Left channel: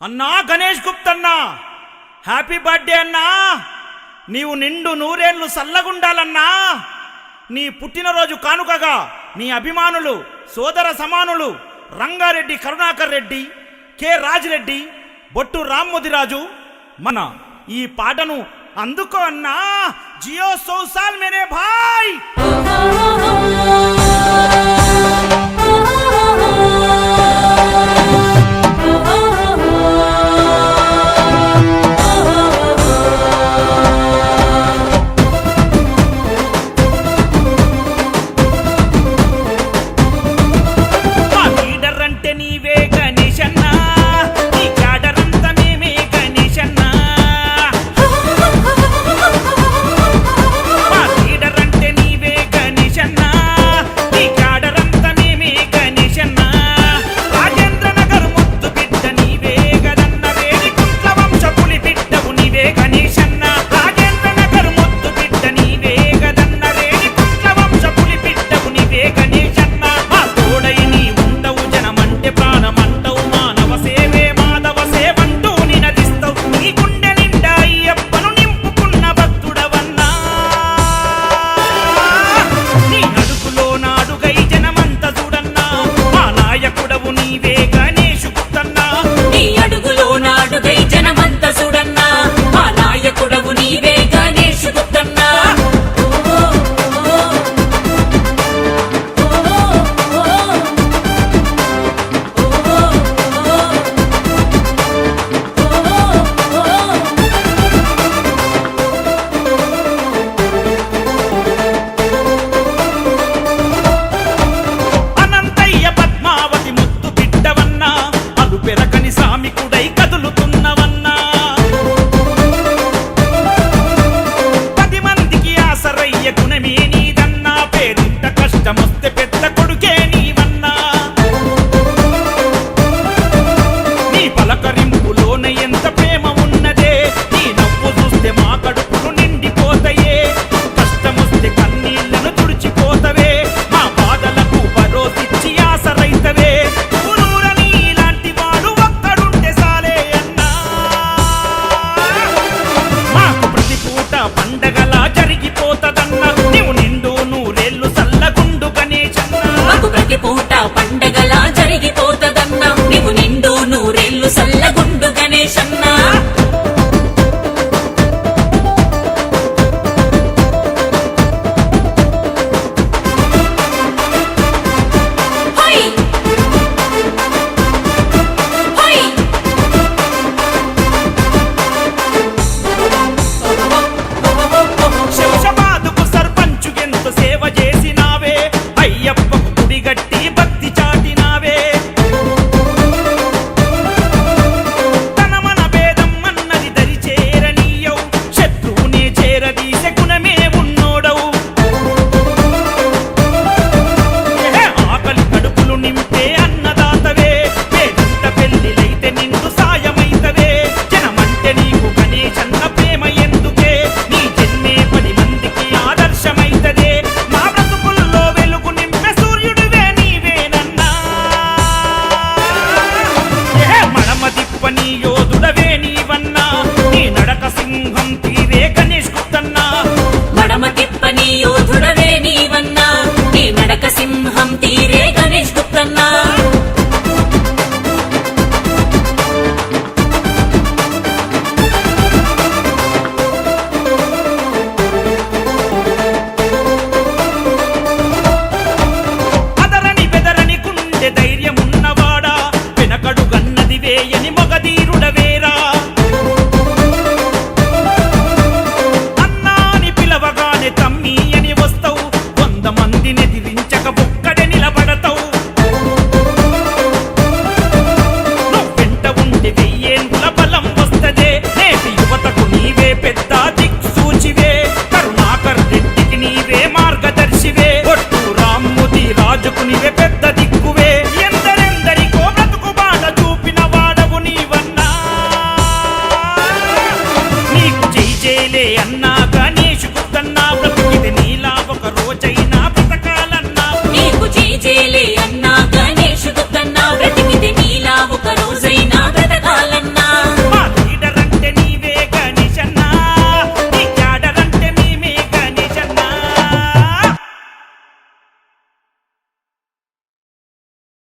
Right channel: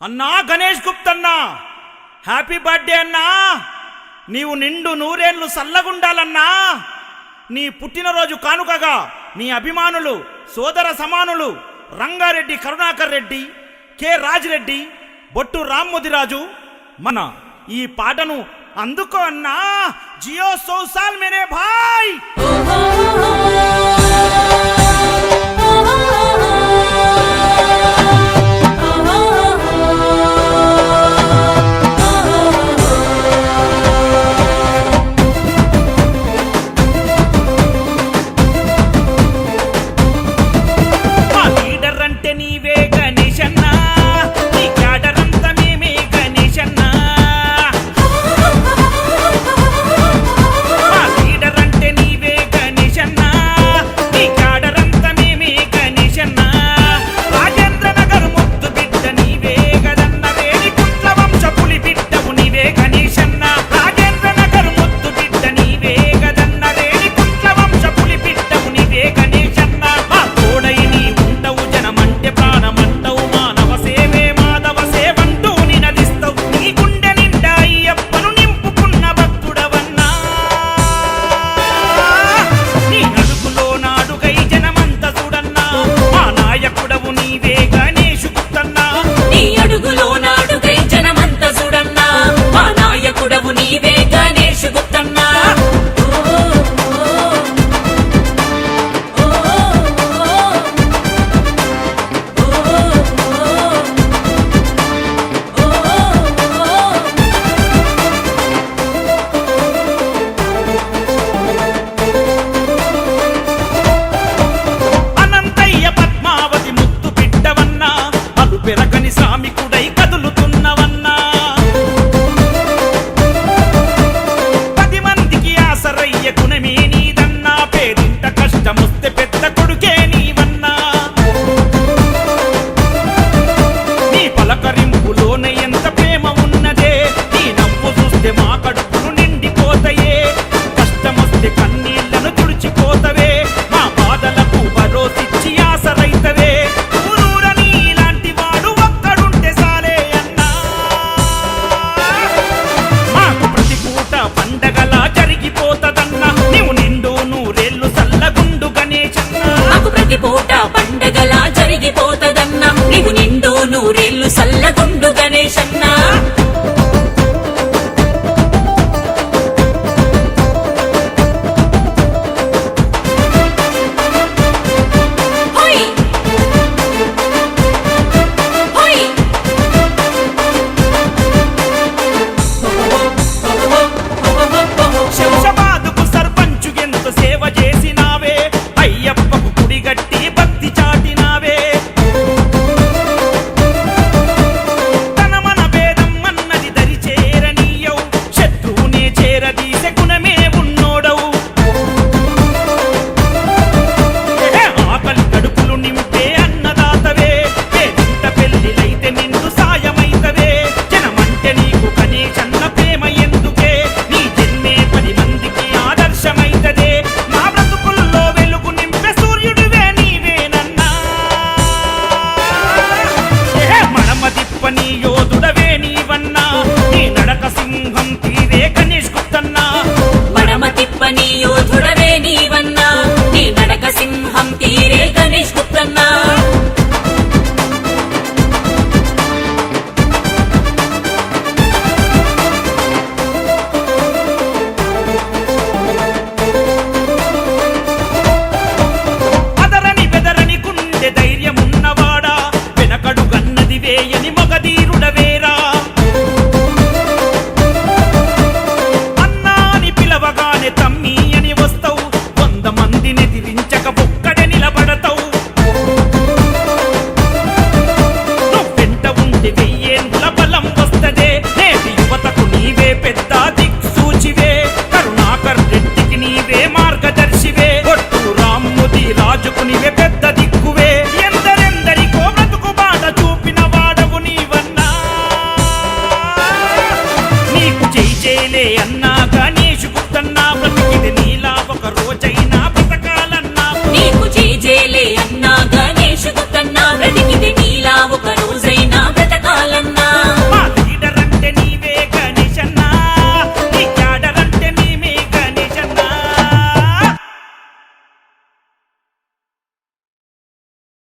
అన్నా Ganesh గుప్తన్నా, happy birthday అన్నా. నీవు నిండు నూరేళ్లు సల్లగుండాలన్నా. నీ పుట్టినరోజు కానుకగా నీ అభిమానులు, సోదర సమానులు రంగారెడ్డి కరుణాకర్ రెడ్డి, కె రాజిరెడ్డి, బొట్టు రామ్మోదిరాజు మన ఈ పాటను అందుకో అన్నా. జియో సోసాల్ మేరే భాయ్. నీవే గణేష్ అన్నా, నీ క్యాడర్ అంతా మేమే గణేష్ అన్నా. మా లీడర్ అంటే నీవే గణేష్ అన్నా, నీ క్యాడర్ అంతా మేమే గణేష్ అన్నా. రాజేంద్ర నగర్ ముద్దు బిడ్డ నీవే గదన్న, రేణికుంట్ల వంశ పులి బిడ్డవు నీవే గణేష్ అన్నా. రాజేంద్ర నగర్ ముద్దు బిడ్డ నీవే గదన్న, రేణికుంట్ల వంశ పులి బిడ్డవు నీవే గణేష్ అన్నా. మా తోడై నీ ఉండవు, జనమంటే ప్రాణమంటవు, మానవ సేవే మాధవ సేవంటూ నినదిస్తావు. నీ గుండె నిండా అయ్యప్పను నింపుకున్న భక్తుడవన్నా. నీ అడుగులో నాడుగై జనమంత చూడన్నా. మా నాయకుడవు నీవే గణేష్ గుప్తన్నా. నీ అడుగులో నాడుగై జనమంత చూడన్నా. మా నాయకుడవు నీవే గణేష్ గుప్తన్నా. పద్మావతి ముద్దు బిడ్డవన్నా, అలు పెరకని శ్రామికుడై కదులుతున్నవన్నా. 10 మందికి ఆసరయ్య గుణమే నీదన్నా. పేదింట కష్టమొస్తే పెద్ద కొడుకే నీవన్నా. నీ పలకరింపులోన ఎంత ప్రేమ ఉన్నదే. నీ నవ్వు చూస్తే మా కడుపులు నిండిపోతాయే. కష్టమొస్తే కన్నీళ్లను తుడిచిపోతవే. మా బాధలకు భరోసిచ్చి ఆసరైతవే. ఊరూరని ఇలాంటి వాడు ఒక్కడుంటే సాలే అన్నా. మాకు ప్రతి పూట పండగలా జరిగిపోతదన్నా. నీవు నిండు నూరేళ్లు సల్లగుండు గణేష్ అన్నా. మాకు ప్రతి పూట పండగలా జరిగిపోతదన్నా. నీవు నిండు నూరేళ్లు సల్లగుండు గణేష్ అన్నా. శంషాబాదుకు సర్పంచు ఎంత సేవ చేసినావే. అయ్యప్పకు గుడిగట్టి భక్తి చాటినావే. తన మన భేదం అన్నది దరి చేరనీయవు. శత్రువునే చేరదీసే గుణమే ఉన్నోడవు. ఆకలి కడుపులు నింపే అన్నదాతవే. పేదింట పెళ్లిలైతే నిండు సాయమైతవే. జనమంటే నీకు గణేష్ అన్న ప్రేమ ఎందుకే. నీ జన్మే 10 మందికి ఆదర్శమైతదే. మా బ్రతుకుల్లో వెలుగు నింపే సూర్యుడివే నీవేనన్నా. మడమ దిప్పని యోధుడవే నీవన్నా. నీ నడక సింహం తీరే గణేష్ గుప్తన్నా. మడమ తిప్పని యోధుడవే నీవన్నా. నీ నడక సింహం తీరే గణేష్ గుప్తన్నా. అదరని బెదరని గుండె ధైర్యమున్నవాడా. వెనకడు గన్నది వేయని మగధీరుడవేరా. అన్నాని పిలవగానే తమ్మి అని వస్తావు. 100 మందిని ఎదిరించక ఒక్కడే నిలబడతావు. నువ్వెంట ఉంటే 1000 ఏనుగుల బలం వస్తదే. నేటి యువతకు నీవే పెద్ద దిక్సూచివే. కరుణాకర్ రెడ్డికి నీవే మార్గదర్శివే. బొట్టు రామ్మోదిరాజుకు నీవే పెద్ద దిక్కువే. ఎందరెందరికో బ్రతుకు బాట చూపిన వాడవు నీవన్నా. నీకు జై జైలే అన్నా గణేష్ గుప్తన్నా. బ్రతికిది నీలా ఒక రోజై